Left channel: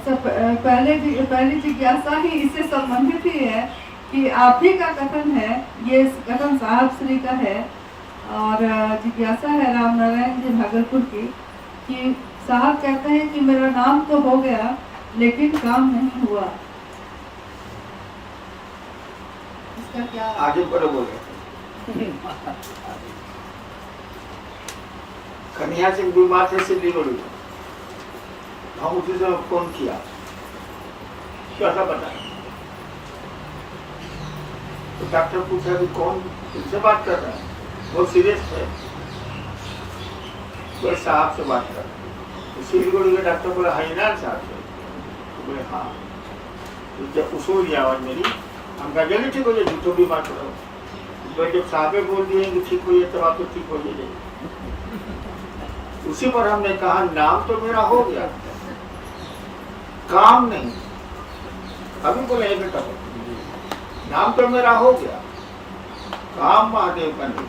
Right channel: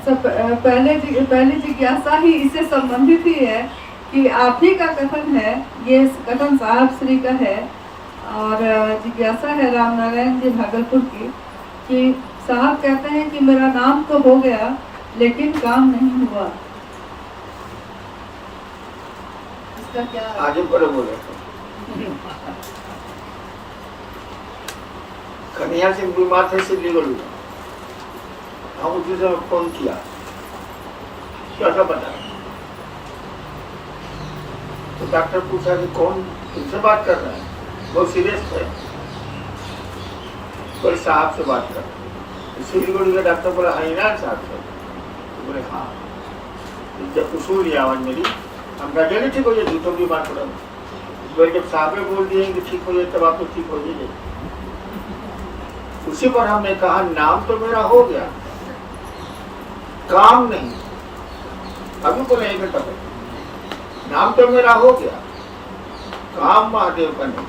पहली जिज्ञासा ही इससे संबंधित ही है कि आप ही का कथन है, ये कथन साहब श्री का है और जिज्ञासा है राम नारायण जी भागलपुर की कि साहब कहते हैं कि मेरा नाम तो हो गया लेकिन काम नहीं हुआ, इसका क्या आगे पर बोले कन्हैया सिंह बीमार थे सिद्धिगढ़ में, हम उसी समय फोन किया, कैसा बता, तो डॉक्टर पूछा कि कौन तुमसे बात कर रहा है, बहुत सीरियस थे, कोई साहब से बात कर, सिलीगुड़ी के डॉक्टर बोला हाँ इनान साहब से, बोले हाँ, जब उसूल आवाज मेरी हम कहा जल्दी ठीक हो जाए, झूठों बीमार पड़ा, तो जब साहबे बोल दिए कि ठीक हो जाए तब आप तो ठीक हो जाए। उसी पर हमने कहा नाम तो मेरा हो गया, काम नहीं, अभी बोले एक मिनट, नाम तो मेरा हो गया, काम महादेव का नहीं।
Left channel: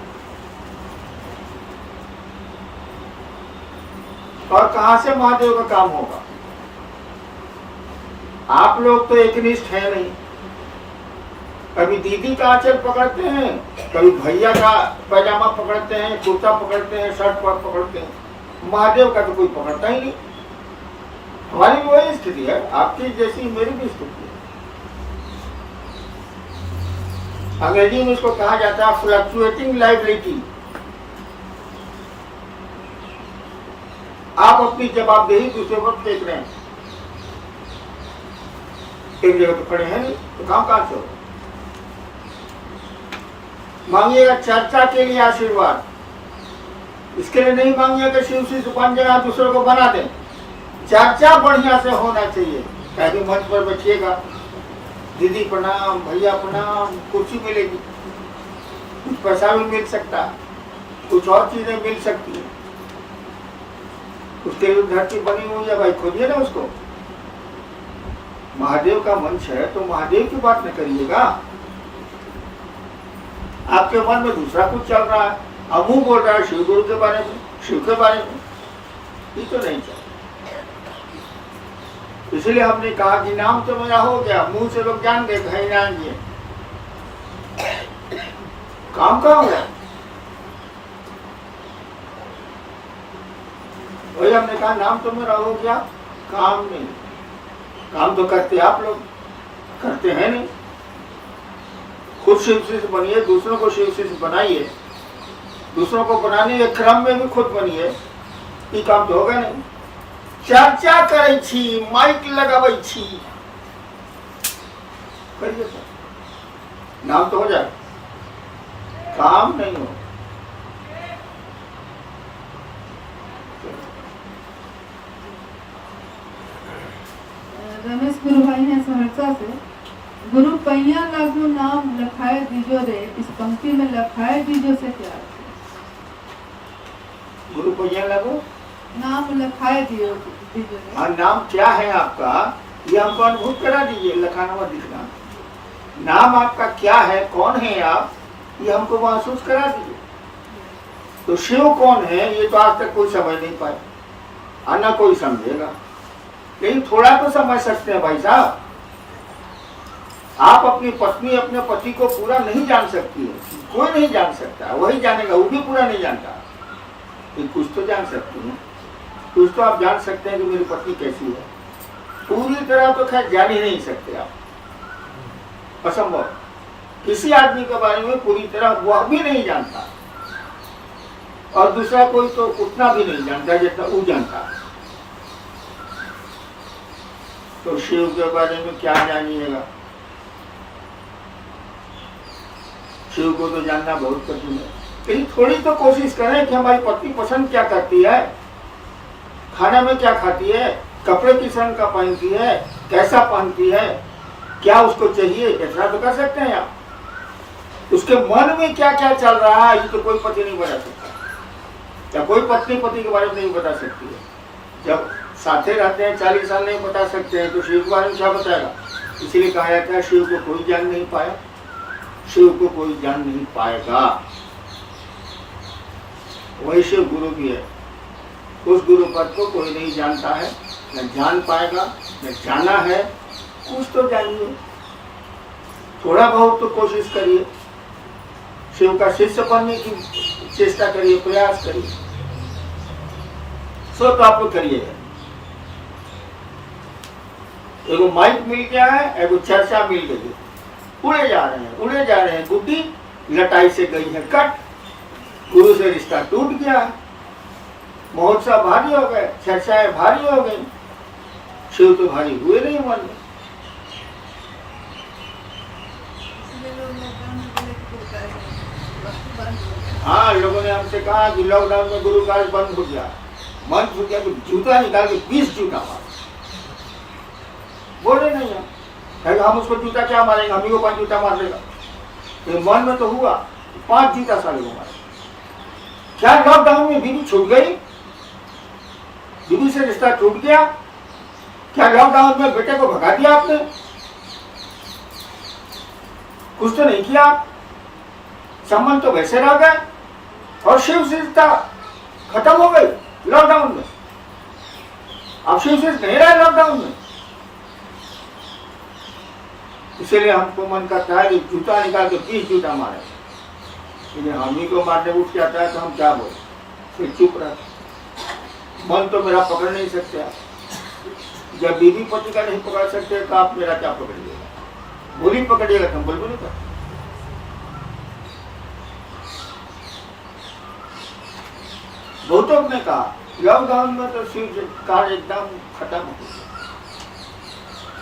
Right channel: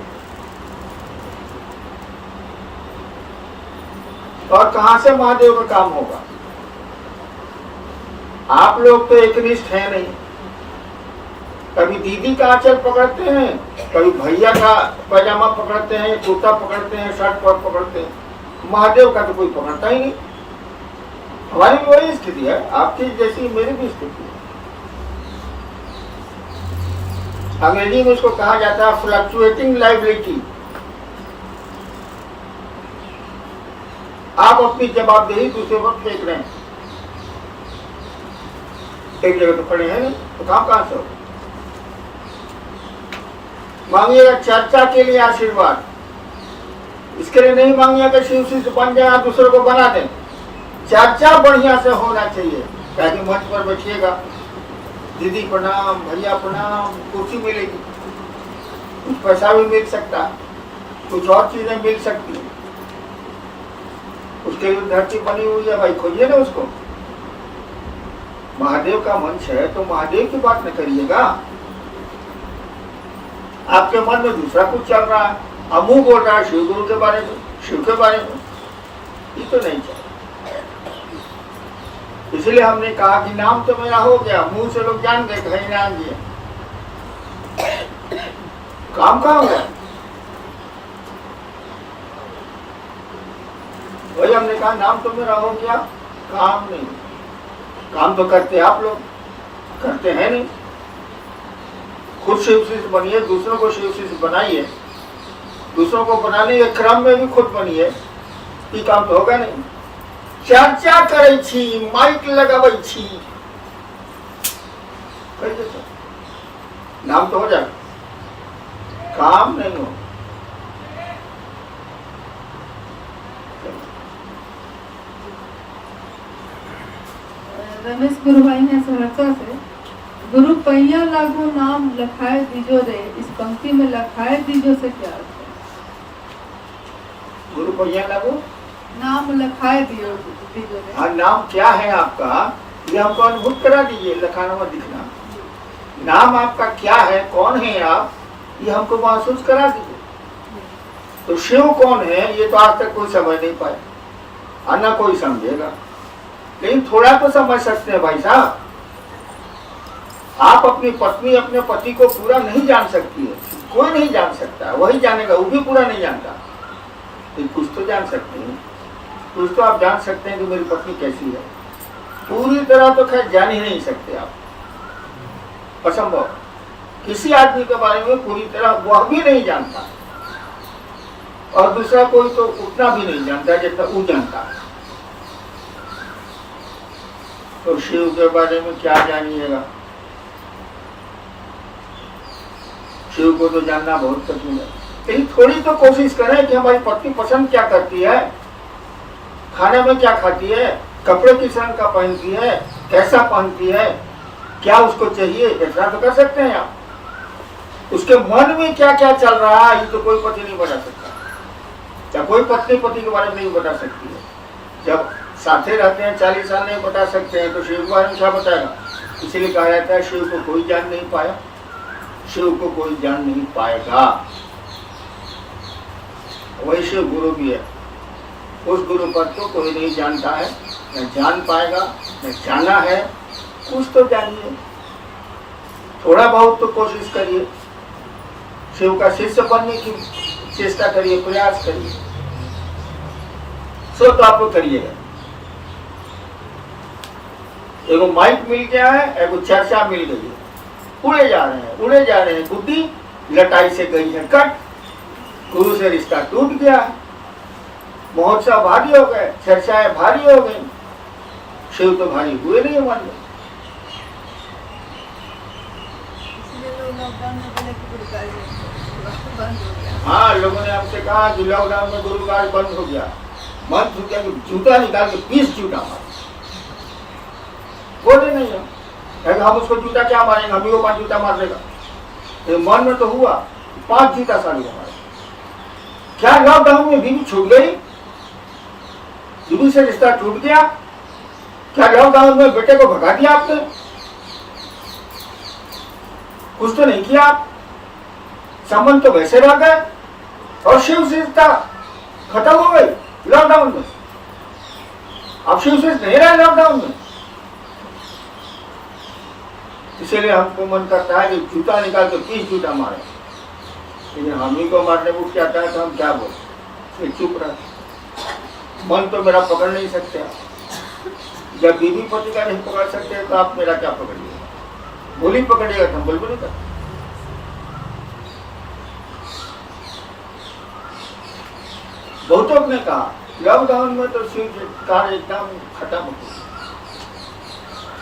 और कहां से महादेव का काम होगा? आप लोग तो एकनिष्ठ हैं नहीं, कभी दीदी का आंचल पकड़ते हैं, कभी भैया का पैजामा पकड़ते हैं, कुर्ता पकड़ते हैं, शर्ट पकड़ते हैं, महादेव का तो कोई पकड़ता ही नहीं। हमारी भी वही स्थिति है, आपकी जैसी मेरी भी स्थिति है। अंग्रेजी में इसको कहा जाता है फ्लक्चुएटिंग लायबिलिटी। आप अपनी जवाबदेही दूसरे पर फेंक रहे हैं, एक जगह तो खड़े हैं नहीं, तो काम कहां से हो? मांगिएगा चर्चा के लिए आशीर्वाद, इसके लिए नहीं मांगिएगा कि शिव से बन जाए, आप दूसरों को बना दें। चर्चा बढ़िया से होना चाहिए, कहीं मंच पर बैठिएगा, दीदी प्रणाम, भैया प्रणाम, कुर्सी मिलेगी, कुछ पैसा भी मिल सकता है, कुछ और चीजें मिल सकती है, उसके लिए धरती बनी हुई है, भाई खोजिए ना उसको। महादेव का मंच है तो महादेव की बात न करिएगा, आपके मन में दूसरा कुछ चल रहा है, अब मुंह बोल रहा है शिव गुरु के बारे में, शिव के बारे में, ये तो नहीं चाहिए। इसलिए हमने कहा कि नाम तो मेरा हो गया, मुंह से लोग जान गए घर आएंगे, काम कहाँ हुआ? वही हमने कहा नाम तो मेरा हो गया, काम नहीं। काम तो करते आप लोग, करते हैं नहीं। खुद शिव शिष्य बनिए, दूसरों को शिव शिष्य बनाइए, दूसरों को बनाने के क्रम में भी खुद बनिए, ये काम तो होगा नहीं। चर्चा करे छी, माइक लगावे छी, नाम तो हो जाए, काम नहीं हो। रमेश गुरु भाई हैं सहरसा से, गुरु पैया लागू नाम लखाए दीजो रे, इस पंक्ति में लखाए दीजो से क्या है? गुरु पैया लागू नाम लखाए दीजो रे। हाँ, नाम क्या है आपका ये हमको अनुभूत करा दीजिए, लखाना मत दिखना। नाम आपका क्या है, कौन है आप, ये हमको महसूस करा दीजिए। तो शिव कौन है ये तो आज तक कोई समझ नहीं पाए, और न कोई समझेगा, लेकिन थोड़ा तो समझ सकते हैं भाई साहब। आप अपनी पत्नी अपने पति को पूरा नहीं जान सकती है, कोई नहीं जान सकता, वही जानेगा, वो भी पूरा नहीं जानता, तो कुछ तो जान सकते हैं, कुछ तो आप जान सकते हैं कि मेरी पत्नी कैसी है। पूरी तरह तो खैर जान ही नहीं सकते आप, असंभव। किसी आदमी के बारे में पूरी तरह वह भी नहीं जानता, और दूसरा कोई तो उतना भी नहीं जानता जितना वो जानता है। तो शिव के बारे में क्या जानिएगा? शिव को तो जानना बहुत कठिन है, लेकिन थोड़ी तो कोशिश करें कि हमारी पत्नी पसंद क्या करती है, खाने में क्या खाती है, कपड़े किस रंग का पहनती है, कैसा पहनती है, क्या उसको चाहिए, इतना तो कर सकते हैं आप। उसके मन में क्या क्या चल रहा है ये तो कोई पति नहीं बता सकता, क्या कोई पत्नी पति के बारे में नहीं बता सकती है। जब साथे रहते हैं 40 साल नहीं बता सकते हैं, तो शिव के बारे में क्या बताएगा? इसलिए कहा जाता है शिव को कोई जान नहीं पाया, शिव को कोई जान नहीं पाएगा। वही शिव गुरु भी है, उस गुरु पद को कोई नहीं जानता है, न जान पाएगा, में जाना है, कुछ तो जानिए, थोड़ा बहुत तो कोशिश करिए, शिव का शिष्य बनने की चेष्टा करिए, प्रयास करिए, सब तो आप करिएगा। एगो माइक मिल गया है, एगो चर्चा मिल गई है, उड़े जा रहे हैं, गुड्डी लटाई से गई है कट, गुरु से रिश्ता टूट गया है, महोत्सव भारी हो गए, चर्चाएं भारी हो गई, शिव तो भारी हुए नहीं मन में। हाँ, लोगों ने हमसे कहा कि लॉकडाउन में गुरु कार्य बंद हो गया, मन हो गया, तो जूता निकाल के 20 जूता मारे। बोले नहीं है, हम उसको जूता क्या मारेंगे, हम ही को 5 जूता मार लेगा। ये मन में तो हुआ, 5 जूता साले को मारे। क्या लॉकडाउन में बीवी छूट गई, बीवी से रिश्ता टूट गया? क्या लॉकडाउन में बेटे को भगा दिया आपने? कुछ तो नहीं किया आप, संबंध तो वैसे रह गए, और शिव से रिश्ता खत्म हो गई लॉकडाउन में। अब शिव से नहीं रहा लॉकडाउन में, इसीलिए हमको मन करता है कि जूता निकाल के 20 जूता मारे, लेकिन हम ही को मारने उठ जाता है तो हम क्या बोले, फिर चुप रहते। मन तो मेरा पकड़ नहीं सकते आप, जब बीवी पति का नहीं पकड़ सकते तो आप मेरा क्या पकड़िएगा? गोली पकड़िएगा तो हम बोल भी नहीं करते। बहुतों ने कहा लॉकडाउन में तो शिव कार्य एकदम खत्म हो गया,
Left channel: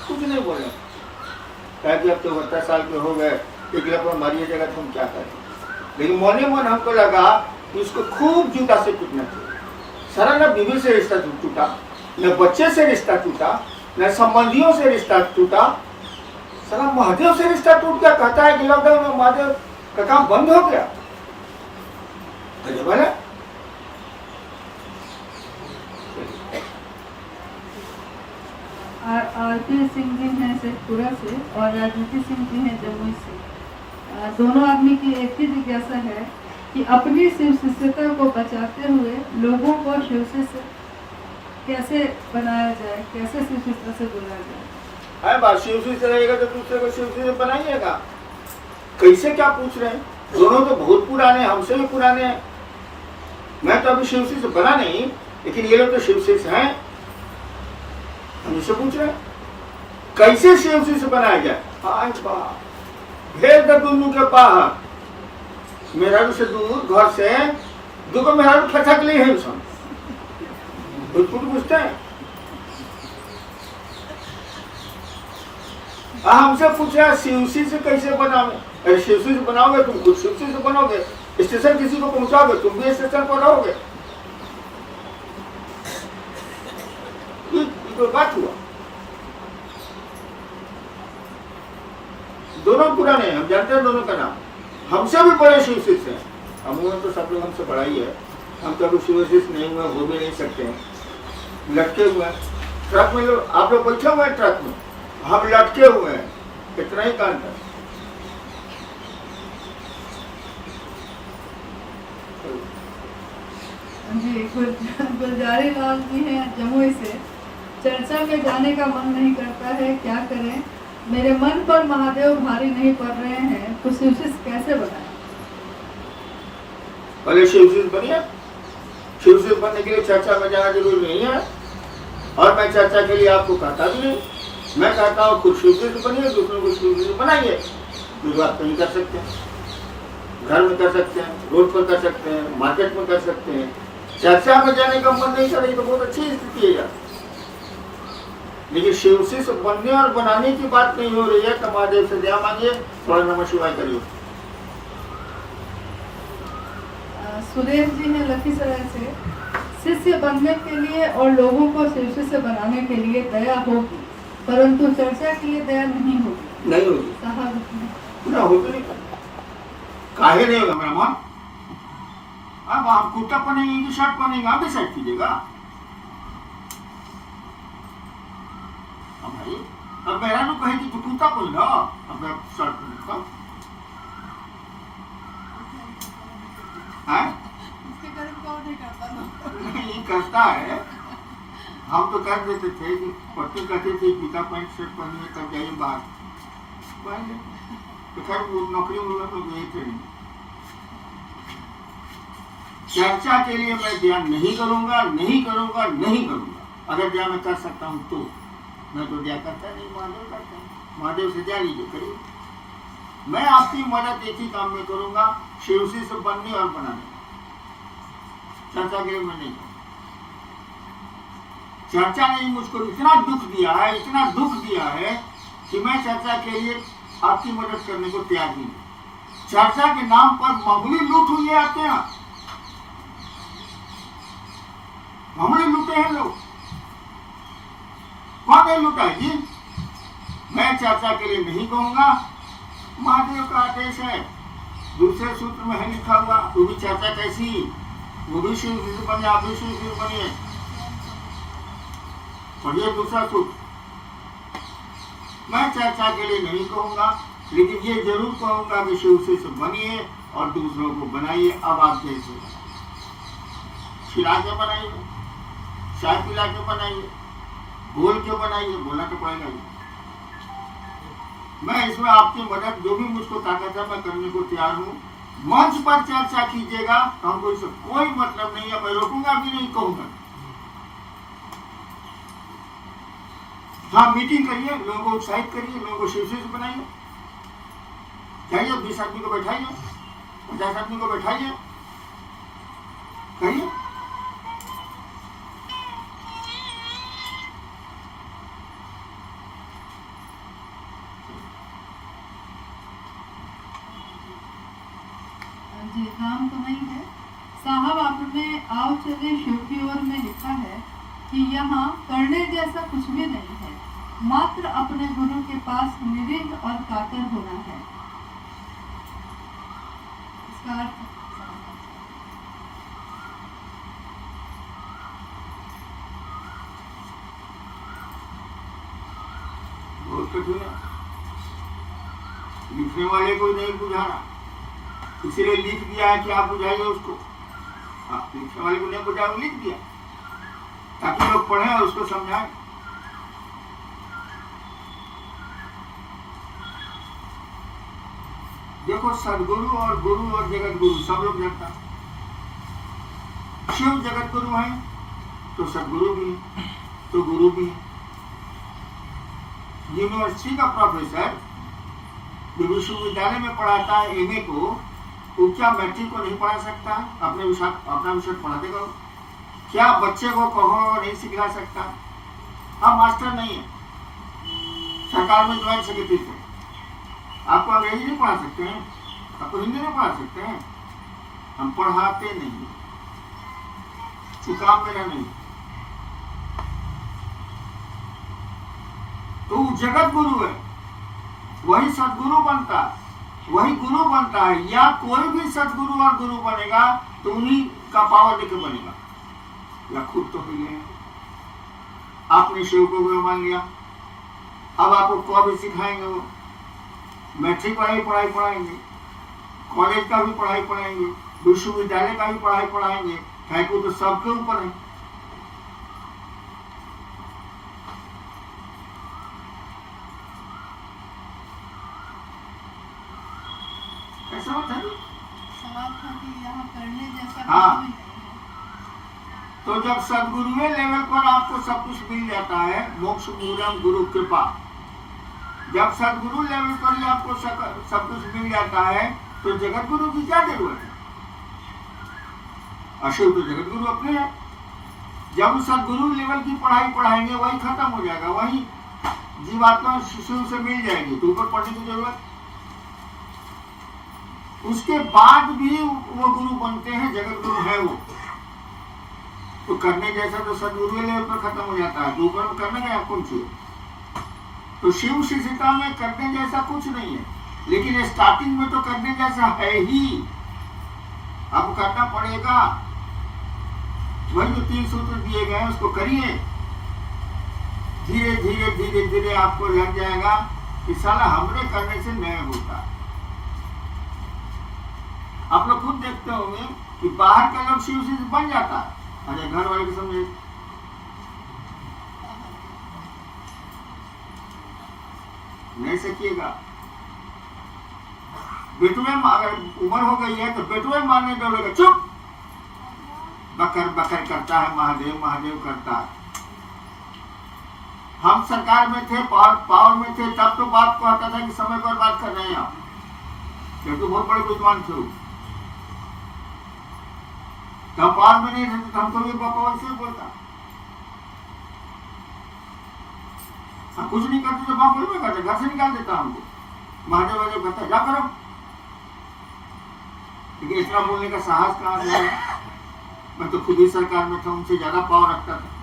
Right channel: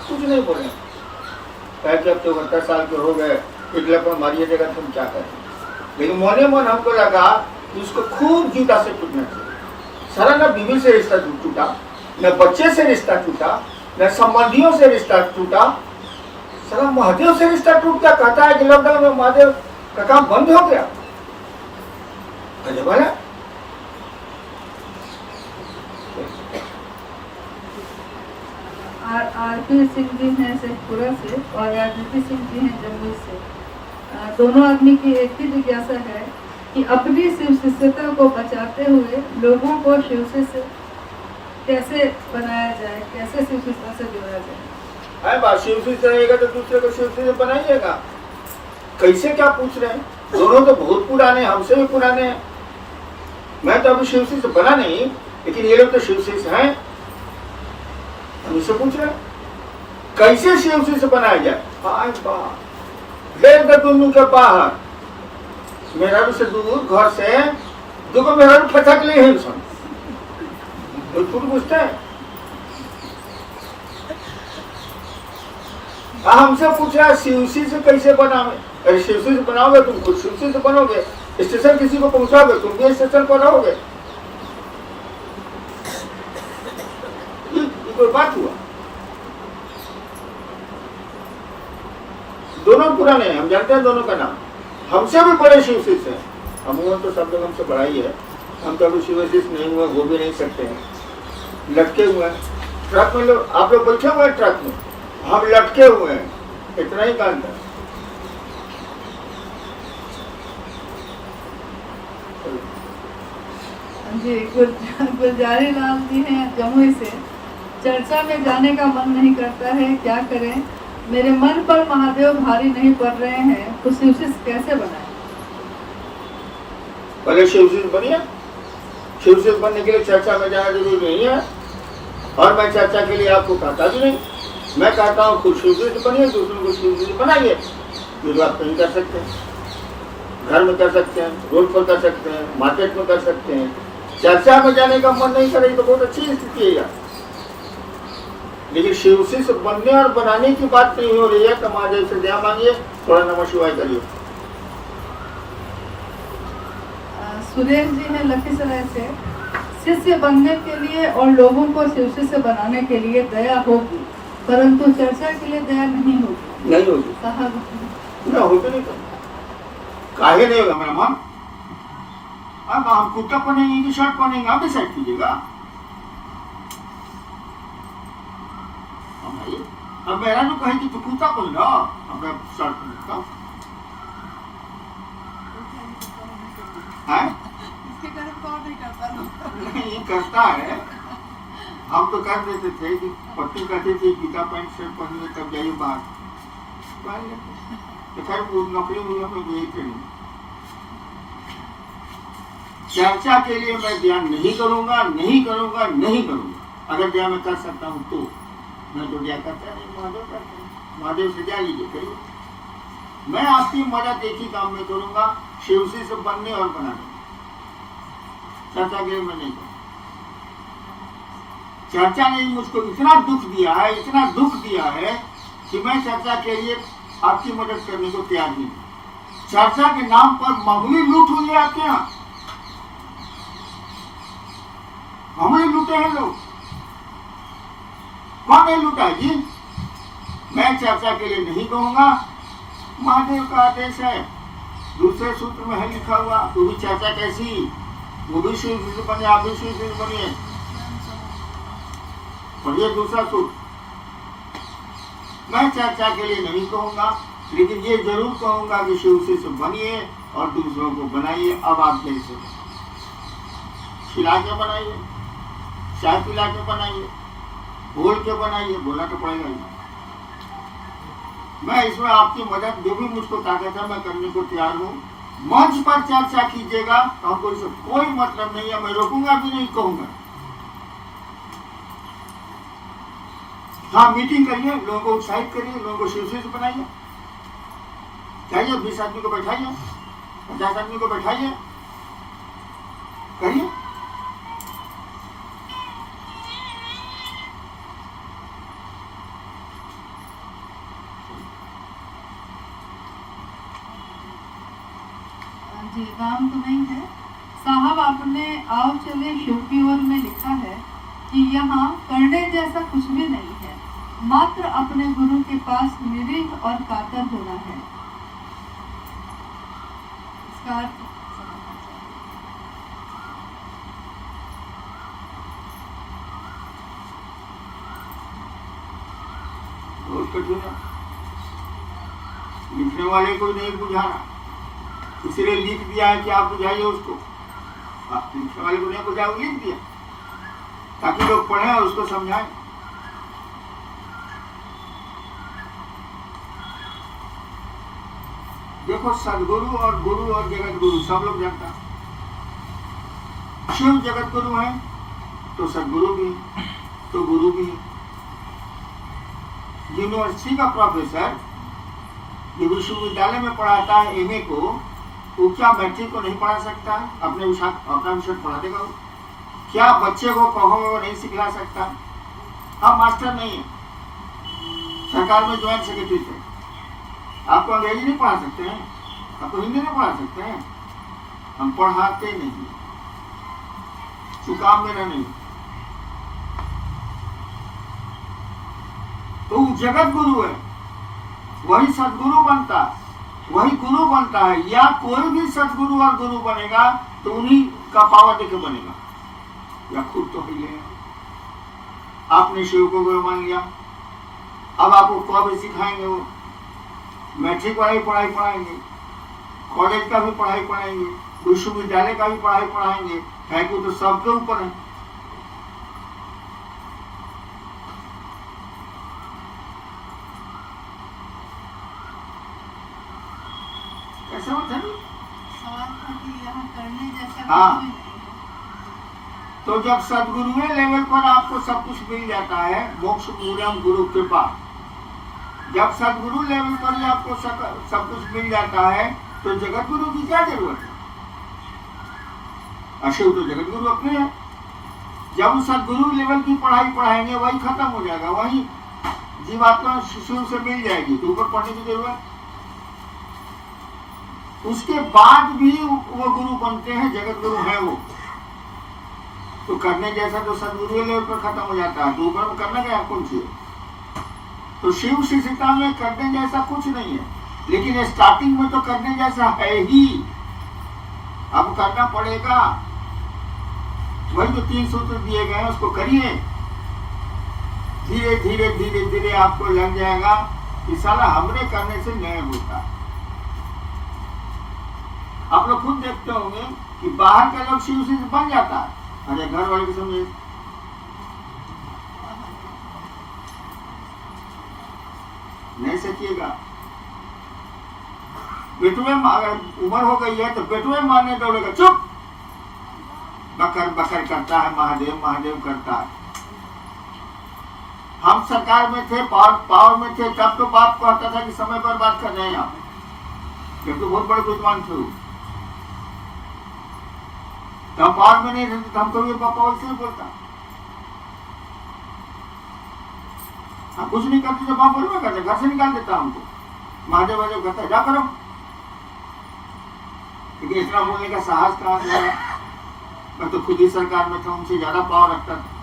कुछ नहीं बोले, कि अब तो 70 साल के हो गए, टिकलापन मारिए देगा तुम क्या करें। लेकिन मोने मन हमको लगा कि उसको खूब जूता से टूटना चाहिए। सारा न बीवी से रिश्ता टूटा, न बच्चे से रिश्ता टूटा, न संबंधियों से रिश्ता टूटा, सारा महादेव से रिश्ता टूट गया। कहता है कि लॉकडाउन में महादेव का काम बंद हो गया। बोला आरपी सिंह जी हैं शेखपुरा से और राजनीति सिंह जी हैं जमुई से। दोनों आदमी की एक ही जिज्ञासा है कि अपनी शिव शिष्यता को बचाते हुए लोगों को शिव शिष्य कैसे बनाया जाए, कैसे शिव शिष्यता से जोड़ा जाए। बात शिव शिष्य रहेगा तो दूसरे को शिव शिष्य बनाइएगा। कैसे क्या पूछ रहे हैं? दोनों तो बहुत पुराने, हमसे भी पुराने हैं। मैं तो अभी शिव शिष्य बना नहीं, लेकिन ये लोग तो शिव शिष्य हैं। हमसे पूछ रहे हैं कैसे शिव शिष्य बनाया जाए। आज बात देख दे तुम के बाहर मेरा से दूर घर से दुख मेरा फटक ले ही सुन पूछते हैं। हमसे पूछा शिव शिष्य कैसे बनावे? अरे शिव शिष्य बनाओगे तुम खुद शिव शिष्य बनोगे, स्टेशन किसी को पहुंचाओगे तुम भी स्टेशन पर रहोगे। कोई बात हुआ? दोनों पुराने हैं, हम जानते हैं दोनों का नाम। हमसे भी बड़े शिव शिष्य हैं। हम तो सब लोग हमसे बड़ा ही है। हम तो अभी शिव शिष्य नहीं हुए, हो भी नहीं सकते हैं। लटके हुए हैं ट्रक में, लोग आप लोग बैठे हुए हैं ट्रक में, हम लटके हुए हैं, इतना ही काम था। जी गुलजारी लाल जी हैं जमुई से। चर्चा में जाने का मन नहीं करता है, क्या करें? मेरे मन पर महादेव भारी नहीं पड़ रहे हैं, तो शिव शिष्य कैसे बनाए? पहले शिव शिष्य बनिए। शिव शिष्य बनने के लिए चर्चा में जाना जरूरी नहीं है, और मैं चर्चा के लिए आपको कहता भी नहीं। मैं कहता हूँ खुद शिव शिष्य बनिए, दूसरों को शिव शिष्य बनाइए। ये बात नहीं कर सकते, घर में कर सकते हैं, रोड पर कर सकते हैं, मार्केट में कर सकते हैं। चर्चा में जाने का मन नहीं करे तो बहुत अच्छी स्थिति है यार। लेकिन शिव शिष्य बनने और बनाने की बात नहीं हो रही है तो महादेव से दया मांगिए, थोड़ा नमः शिवाय करिए। सुरेश जी हैं लखीसराय से। शिष्य बनने के लिए और लोगों को शिव शिष्य बनाने के लिए दया होगी, परंतु चर्चा के लिए दया नहीं होगी। नहीं होगी, कहा ना होते नहीं काहे नहीं होगा मेरा मन। अब हम कुर्ता पहनेंगे कि शर्ट पहनेंगे, आप डिसाइड कीजिएगा। अब मेरा जो कहे कि तू कुर्ता पहन, अब मैं शर्ट पहनता है। ये करता है हम तो कर देते थे कि पट्टी कहते थे गीता पैंट शर्ट पहनिए तब जाइए बाहर, तो खैर वो नौकरी होगा तो यही थे। चर्चा के लिए मैं ध्यान नहीं करूंगा, नहीं करूंगा, नहीं करूंगा। अगर ध्यान मैं कर सकता हूं तो, मैं तो ध्यान करता नहीं, महादेव करते हैं, महादेव से ध्यान लीजिए करिए। मैं आपकी मदद एक ही काम में करूंगा, शिवसी से बनने और बनाने, चर्चा के लिए मैं नहीं करूंगा। चर्चा ने मुझको इतना दुख दिया है, इतना दुख दिया है कि मैं चर्चा के लिए आपकी मदद करने को तैयार नहीं हूं। चर्चा के नाम पर मामूली लूट हुई है आपके यहाँ, मामूली लूटे हैं लोग। कौन नहीं लूटा है जी? मैं चर्चा के लिए नहीं कहूंगा, महादेव का आदेश है। दूसरे सूत्र में है लिखा हुआ, वो भी चर्चा कैसी, वो भी शिव बने, आप भी शिव बनिए। पढ़िए दूसरा सूत्र। मैं चर्चा के लिए नहीं कहूंगा, लेकिन ये जरूर कहूंगा कि शिव से बनिए और दूसरों को बनाइए। अब आप जैसे खिला के बनाइए, चाय पिला के बनाइए, बोल के बनाइए, बोलना तो पड़ेगा ही। मैं इसमें आपकी मदद जो भी मुझको ताकत है मैं करने को तैयार हूँ। मंच पर चर्चा कीजिएगा, हमको इससे कोई मतलब नहीं है, मैं रोकूंगा भी नहीं, कहूंगा। हाँ, मीटिंग करिए, लोगों को उत्साहित करिए, लोगों को शिव से बनाइए। जाइए 20 आदमी को बैठाइए, 50 आदमी को बैठाइए, करिए। जी, नाम तो नहीं है साहब, आपने आओ चले शिव की ओर में लिखा है कि यहाँ करने जैसा कुछ भी नहीं है, मात्र अपने गुरु के पास निरीह और कातर होना है। इसका अर्थ बहुत कठिन है, लिखने वाले को नहीं बुझाना, इसलिए लिख दिया है कि आप बुझाइए उसको। आप लिखने वाले को नहीं बुझाया, लिख दिया ताकि लोग पढ़ें और उसको समझाएं। देखो, सदगुरु और गुरु और जगत गुरु सब लोग जानता है। शिव जगत गुरु है तो सदगुरु भी है, तो गुरु भी है। यूनिवर्सिटी का प्रोफेसर जो विश्वविद्यालय में पढ़ाता है एमए को, वो क्या मैट्रिक को नहीं पढ़ा सकता? अपना विषय पढ़ा देगा? क्या बच्चे को कहो नहीं सिखला सकता? हम मास्टर नहीं है, सरकार में ज्वाइंट सेक्रेटरी थे। आपको अंग्रेजी नहीं पढ़ा सकते हैं, आपको हिंदी नहीं पढ़ा सकते हैं, हम पढ़ाते नहीं, चुकाव मेरा नहीं। तो जगत गुरु है, वही सदगुरु बनता है, वही गुरु बनता है। या कोई भी सदगुरु और गुरु बनेगा तो उन्हीं का पावर देके बनेगा, या खुद तो ही है। आपने शिव को गुरु मान लिया, अब आपको कब सिखाएंगे? वो मैट्रिक वाली पढ़ाई पढ़ाएंगे, कॉलेज का भी पढ़ाई पढ़ाएंगे, विश्वविद्यालय का भी पढ़ाई पढ़ाएंगे, है को तो सबके ऊपर है। कैसे होता है? सवाल था कि यहाँ करने जैसा हाँ। कुछ भी नहीं है। तो जब सदगुरु लेवल पर आपको सब कुछ मिल जाता है, मोक्ष मूलम गुरु कृपा, जब सदगुरु लेवल पर ही आपको सब कुछ मिल जाता है तो जगत गुरु की क्या जरूरत है? अशिव तो जगत गुरु अपने हैं। जब सदगुरु लेवल की पढ़ाई पढ़ाएंगे वही खत्म हो जाएगा, वही जीवात्मा शिशु से मिल जाएगी, तो ऊपर पढ़ने की जरूरत। उसके बाद भी वो गुरु बनते हैं, जगत गुरु है वो। तो करने जैसा तो सदगुरु लेवल पर खत्म हो जाता है, तो ऊपर करना क्या कुछ है। तो शिव शिष्यता में करने जैसा कुछ नहीं है, लेकिन स्टार्टिंग में तो करने जैसा है ही। अब करना पड़ेगा, वही जो 3 सूत्र दिए गए हैं उसको करिए। धीरे धीरे धीरे धीरे आपको लग जाएगा कि साला हमने करने से नहीं होता। आप लोग खुद देखते होंगे कि बाहर का लोग शिव से बन जाता है, अरे घर वाले को समझे नहीं सकिएगा। बेटुए अगर उम्र हो गई है तो बेटुए मारने दौड़ेगा, चुप, बकर बकर करता है, महादेव महादेव करता है। हम सरकार में थे, पावर में थे, तब तो बाप कहता था कि समय पर बात कर रहे हैं आप, क्योंकि बहुत बड़े विद्वान थे। तो पावर में नहीं थे तो हमको भी पापा वैसे बोलता, हम कुछ नहीं करते तो बाप बोलना करते, घर से निकाल देता हमको, महादेव महादेव कहता जा करो। लेकिन इतना बोलने का साहस कहाँ से आया? मैं तो खुद ही सरकार में था, उनसे ज्यादा पावर रखता था।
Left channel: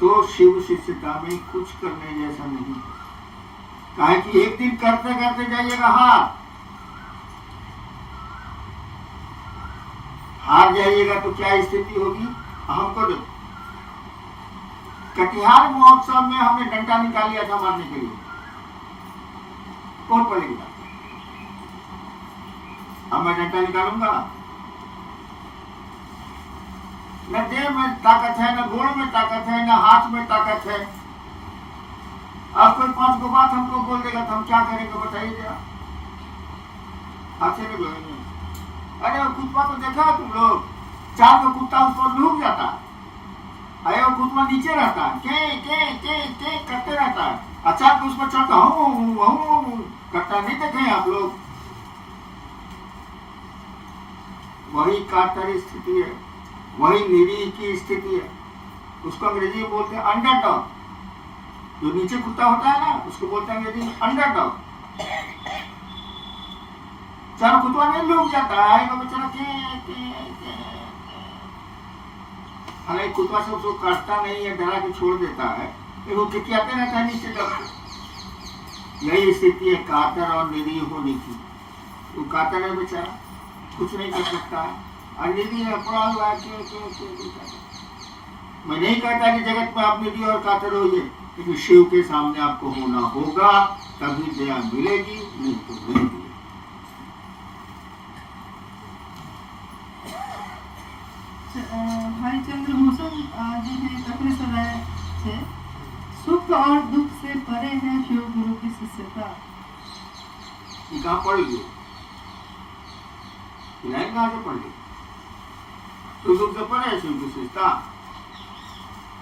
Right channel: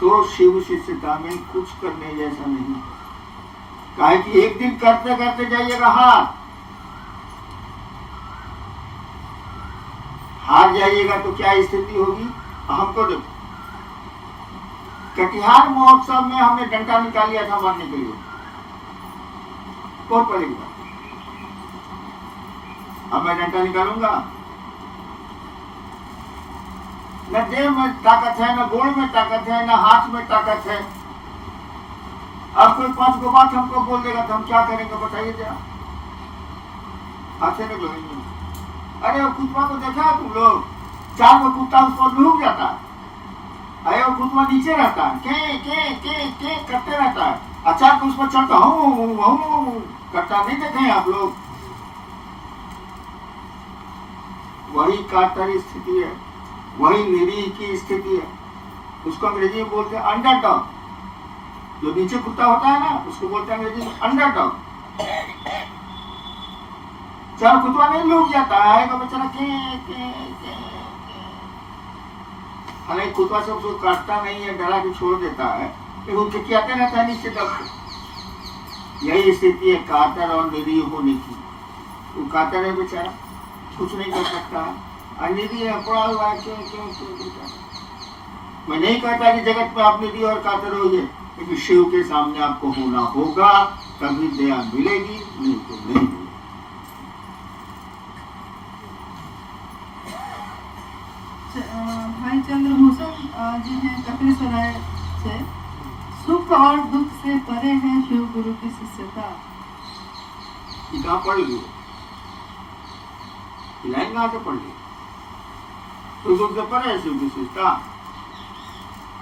तो शिव शिष्यता में कुछ करने जैसा नहीं, काहे कि एक दिन करते करते जाइएगा हार जाइएगा तो क्या स्थिति होगी। हमको देखो, कटिहार महोत्सव में हमने डंडा निकाल लिया था मारने के लिए, कौन पड़ेगा? अब मैं डंडा निकालूंगा? न देह में ताकत है, न गोड़ में ताकत है, न हाथ में ताकत है। अब कोई 5 गो बात हमको बोल देगा तो हम क्या करेंगे बताइए जरा? हाथे में जोड़ेंगे। अरे वो कुत्ता को देखा है तुम लोग? 4 गो कुत्ता उस पर लुढ़क जाता है, अरे वो कुत्ता नीचे रहता है, के करते रहता है, अचानक उस पर चढ़ता हूँ करता, नहीं देखे आप लोग? वही कातर स्थिति है, वही निरीह की स्थिति है। उसको अंग्रेजी में बोलते हैं अंडरडॉग। जो नीचे कुत्ता होता है ना, उसको बोलते हैं अंग्रेजी में अंडरडॉग। चार कुत्ता नहीं लुढ़क जाता है, वो बेचारा के हालांकि कुत्ता से उसको काटता नहीं है, डरा के छोड़ देता है, वो किकियाते रहता है नीचे दब के। यही स्थिति है कातर और निरीह होने की। वो कातर है बेचारा, कुछ नहीं कर सकता है, और निरीह है, पड़ा हुआ है के। मैं नहीं कहता कि जगत में आप निरीह और कातर होइए, लेकिन शिव के सामने आपको होना होगा, तभी दया मिलेगी, नहीं तो नहीं मिलेगी। भाई चंद्रभूषण जी ने कटनी सराय से, सुख और दुख से परे है शिव गुरु की शिष्यता। ये कहाँ पढ़ ली? लाइन कहाँ से पढ़ ली? सुख दुख से परे है शिव की शिष्यता।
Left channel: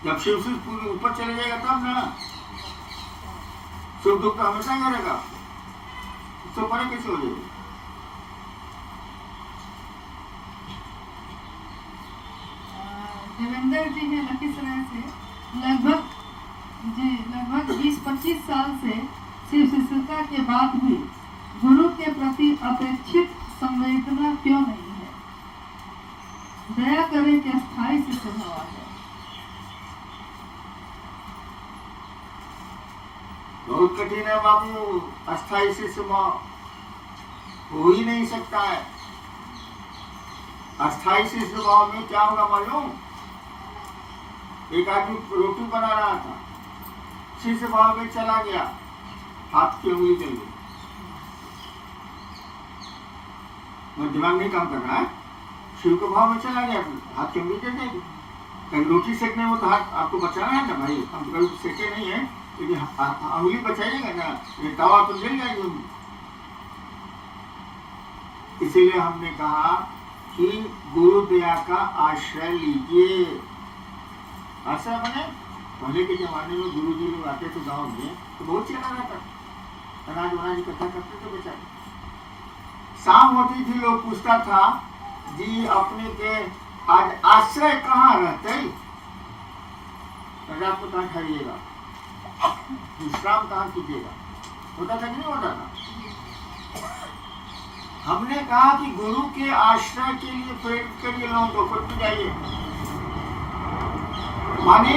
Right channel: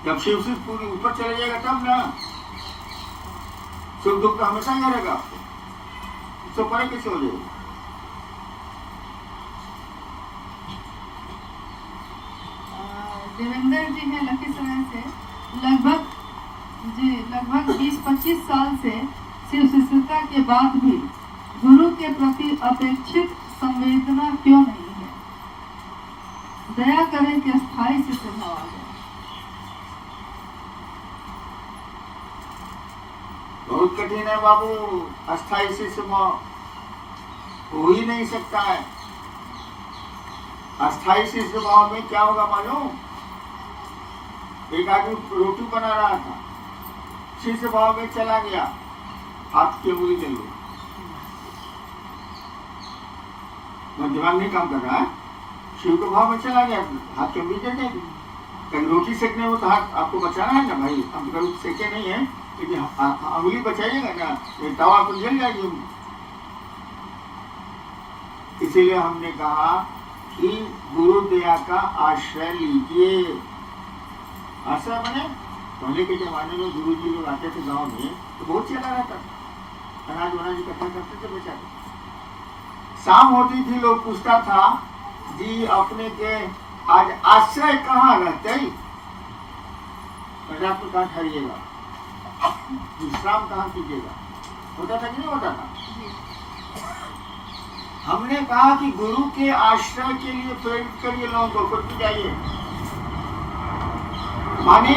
जब शिव से पूरी ऊपर चले जाएगा तब ना, सुख दुख तो हमेशा ही रहेगा आपको, उससे परे कैसे हो जाएगा? देवेंद्र जी हैं लखीसराय से, लगभग 20-25 साल से शिव शिष्यता के बाद भी गुरु के प्रति अपेक्षित संवेदना क्यों नहीं है? दया करें कि अस्थायी शिष्य भाव आ जाए। बहुत कठिन है बाबू, अस्थायी शिष्य भाव हो ही नहीं सकता है। अस्थायी शिष्य भाव में क्या होगा मालूम? एक आदमी रोटी बना रहा था, शिष्य भाव में चला गया, हाथ की उंगली चल गई, दिमाग नहीं काम कर रहा है, शिव के भाव में चला गया, हाथ की उंगली चल जाएगी। कहीं रोटी सेकने में तो हाथ आपको बचाना है ना भाई, हम कभी सेके नहीं है, लेकिन उंगली बचाइएगा ना, ये तवा तो जल जाएगी उंगली। इसीलिए हमने कहा कि गुरु दया का आश्रय लीजिए। आश्रय बने, पहले के जमाने में गुरु जी लोग आते थे गांव में तो बहुत चला रहता, अनाज वनाज इकट्ठा करते थे बेचारे। शाम होती थी, लोग पूछता था जी अपने के आज आश्रय कहाँ रहते, रात को कहाँ ठहरिएगा, विश्राम कहाँ कीजिएगा, होता था कि नहीं होता था? हमने कहा कि गुरु के आश्रय के लिए प्रेरित करिए लोगों को, खुद जाइए। माने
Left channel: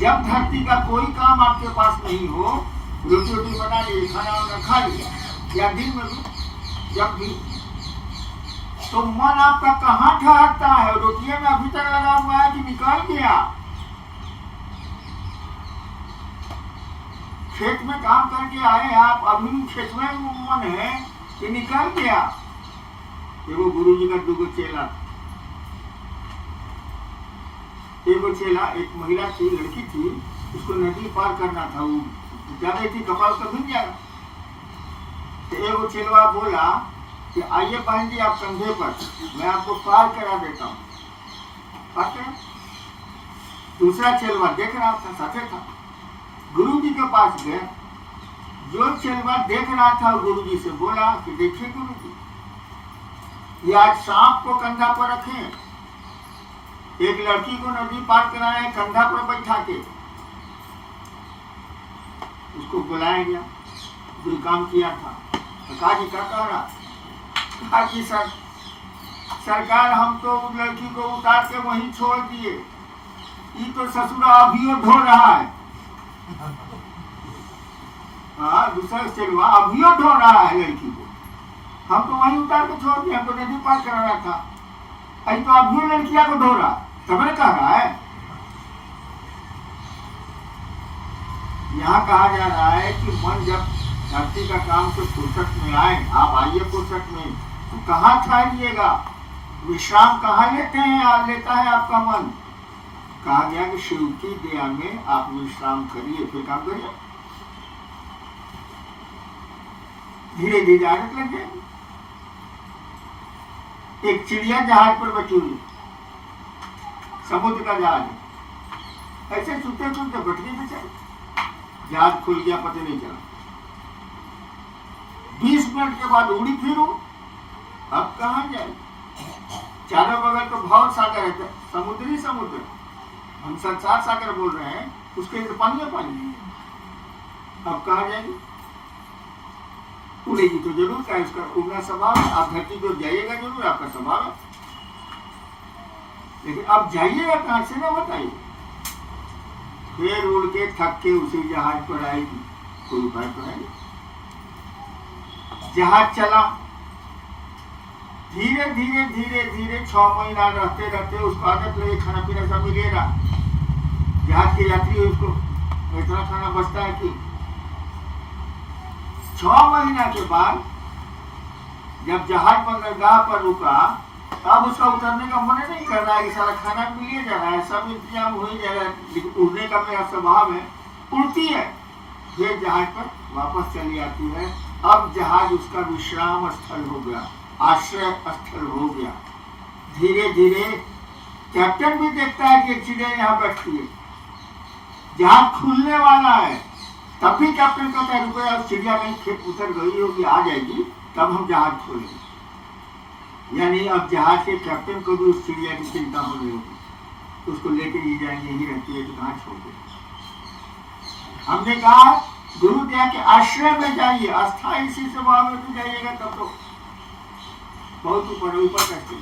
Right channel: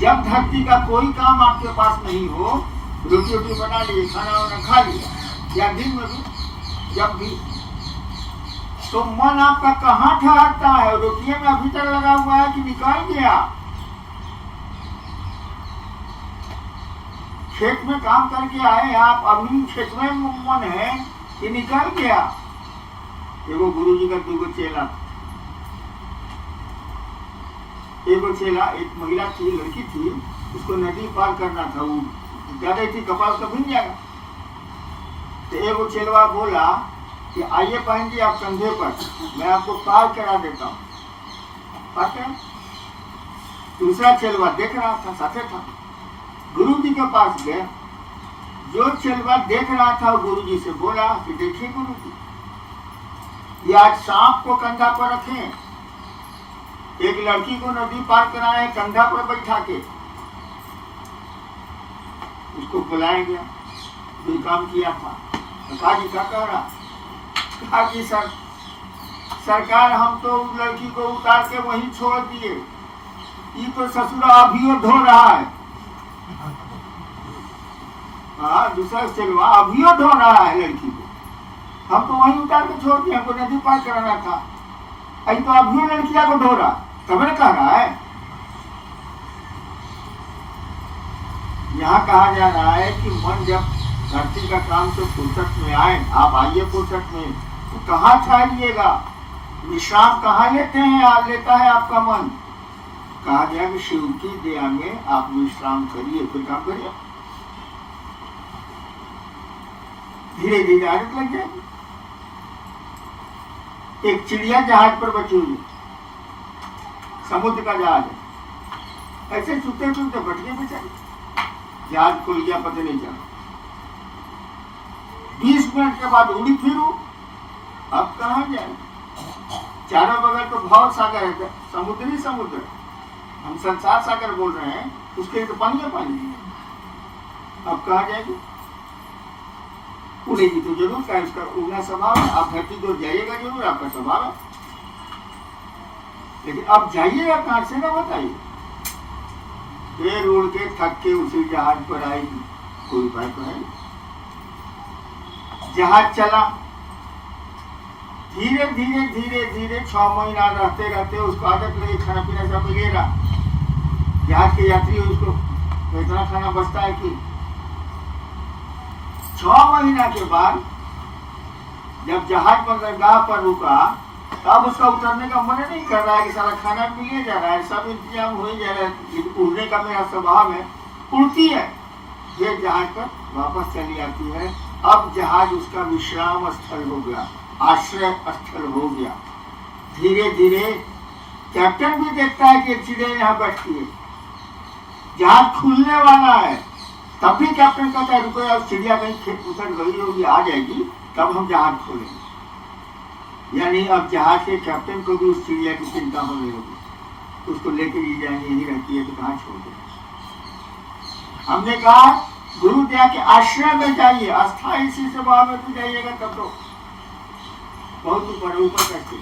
जब धरती का कोई काम आपके पास नहीं हो, रोटी रोटी बना लिए, खाना वाना खा लिया, या दिन में भी जब भी तो मन आपका कहाँ ठहरता है? रोटिया में अभी तक लगा हुआ है कि निकाल गया? खेत में काम करके आए आप, अभी खेत में मन है कि निकाल गया? एगो गुरु जी का दूगो चेला, एगो चेला, एक महिला थी, लड़की थी, उसको नदी पार करना था, वो जा रही थी, कपाल कभी नहीं आया। तो एगो चेलवा बोला कि आइए बहन जी आप कंधे पर, मैं आपको पार करा देता हूँ। दूसरा चेलवा देख रहा था, साथे था, गुरु जी के पास गया। जो चेलवा देख रहा था गुरु जी से बोला कि देखिए गुरु जी, ये आज सांप को कंधा पर रखे, एक लड़की को नदी पार कराए कंधा पर बैठा के, उसको बुलाया गया, जो काम किया था। कहा जी क्या कह रहा? कहा जी सरकार हम तो लड़की को उतार के वहीं छोड़ दिए, ये तो ससुरा अभी ढो रहा है। हाँ, दूसरा चेलवा अभी ढो रहा है लड़की को, हम तो वहीं उतार के छोड़ दिए, हमको नदी पार कराना था, अभी तो अभी लड़किया को ढो रहा, खबर कह रहा है। यहाँ कहा जा रहा है कि मन जब धरती का काम से फुर्सत में आए, आप आइए फुर्सत में, तो कहाँ ठहरिएगा? विश्राम कहाँ लेते हैं? आप लेता है आपका मन। कहा गया कि शिव की दया में आप विश्राम करिए, फिर काम करिए, धीरे धीरे आदत लग जाएगी। एक चिड़िया जहाज पर बची हुई, समुद्र का जहाज, ऐसे चुपते चुपते बच गए बेचारे, जहाज खुल गया, पता नहीं चला। 20 मिनट के बाद उड़ी फिरू, अब कहाँ जाए? चारों बगल तो भाव सागर है, समुद्री समुद्र, हम संसार सागर बोल रहे हैं, उसके तो पानी है पानी, अब कहाँ जाएगी? उड़ेगी तो जरूर, का इसका उड़ना स्वभाव है, आप धरती को जाइएगा जरूर, आपका स्वभाव है, लेकिन अब जाइएगा कहाँ से ना बताइए? फिर उड़ के थक के उसी जहाज पर आएगी, कोई उपाय तो नहीं। जहाज चला, धीरे धीरे धीरे धीरे 6 महीना रहते रहते उसको आदत लगे, खाना पीना सब मिलेगा, जहाज के यात्री उसको इतना खाना बचता है कि 6 महीना के बाद जब जहाज बंदरगाह पर रुका, तब उसका उतरने का मन नहीं कर रहा है कि सारा खाना मिले जा रहा है, सब इंतजाम हो ही जा रहा है, उड़ने का मेरा स्वभाव है, उड़ती है, फिर जहाज पर वापस चली आती है। अब जहाज उसका विश्राम स्थल हो गया, आश्रय स्थल हो गया। धीरे धीरे कैप्टन भी देखता है कि चिड़िया यहाँ बैठती है, जहाज खुलने वाला है, तब भी कैप्टन कहता है रुपया, उस चिड़िया कहीं खेत उतर गई होगी, आ जाएगी, तब हम जहाज खोलेंगे। यानी अब जहाज के कैप्टन को भी उस चिड़िया की चिंता होने लगी, उसको लेके ये जाएंगे, यही रहती है तो कहाँ छोड़ दे। हमने कहा गुरु दया के आश्रय में जाइए, अस्थायी इसी सेवा में तो जाइएगा तब तो बहुत ऊपर कैसे,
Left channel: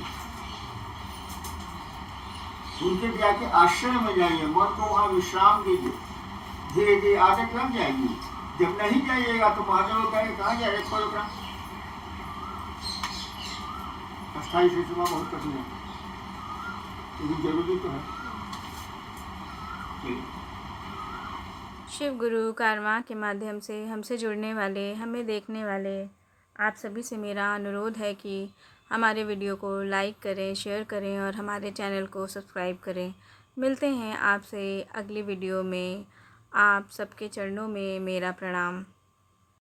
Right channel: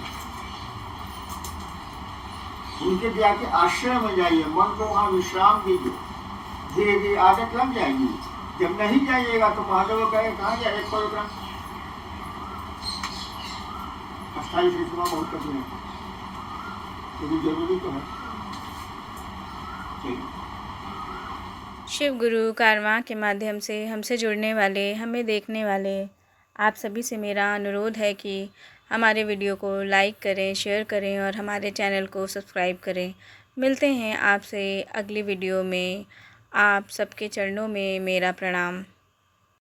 उनके दया के आश्रय में जाइए, मन को वहां विश्राम दीजिए, धीरे धीरे आदत लग जाएगी। जब नहीं जाइएगा तो महादेव कहे कहाँ जाए, अस्थायी सेवा बहुत कठिन है, लेकिन जरूरी तो है। शिव गुरु कारवां के माध्यम से हमसे जुड़ने वाले, हमें देखने वाले आप सभी से मेरा अनुरोध है कि हमारे वीडियो को लाइक करें, शेयर करें और हमारे चैनल को सब्सक्राइब करें। मिलते हैं आपसे अगली वीडियो में। आप सबके चरणों में मेरा प्रणाम।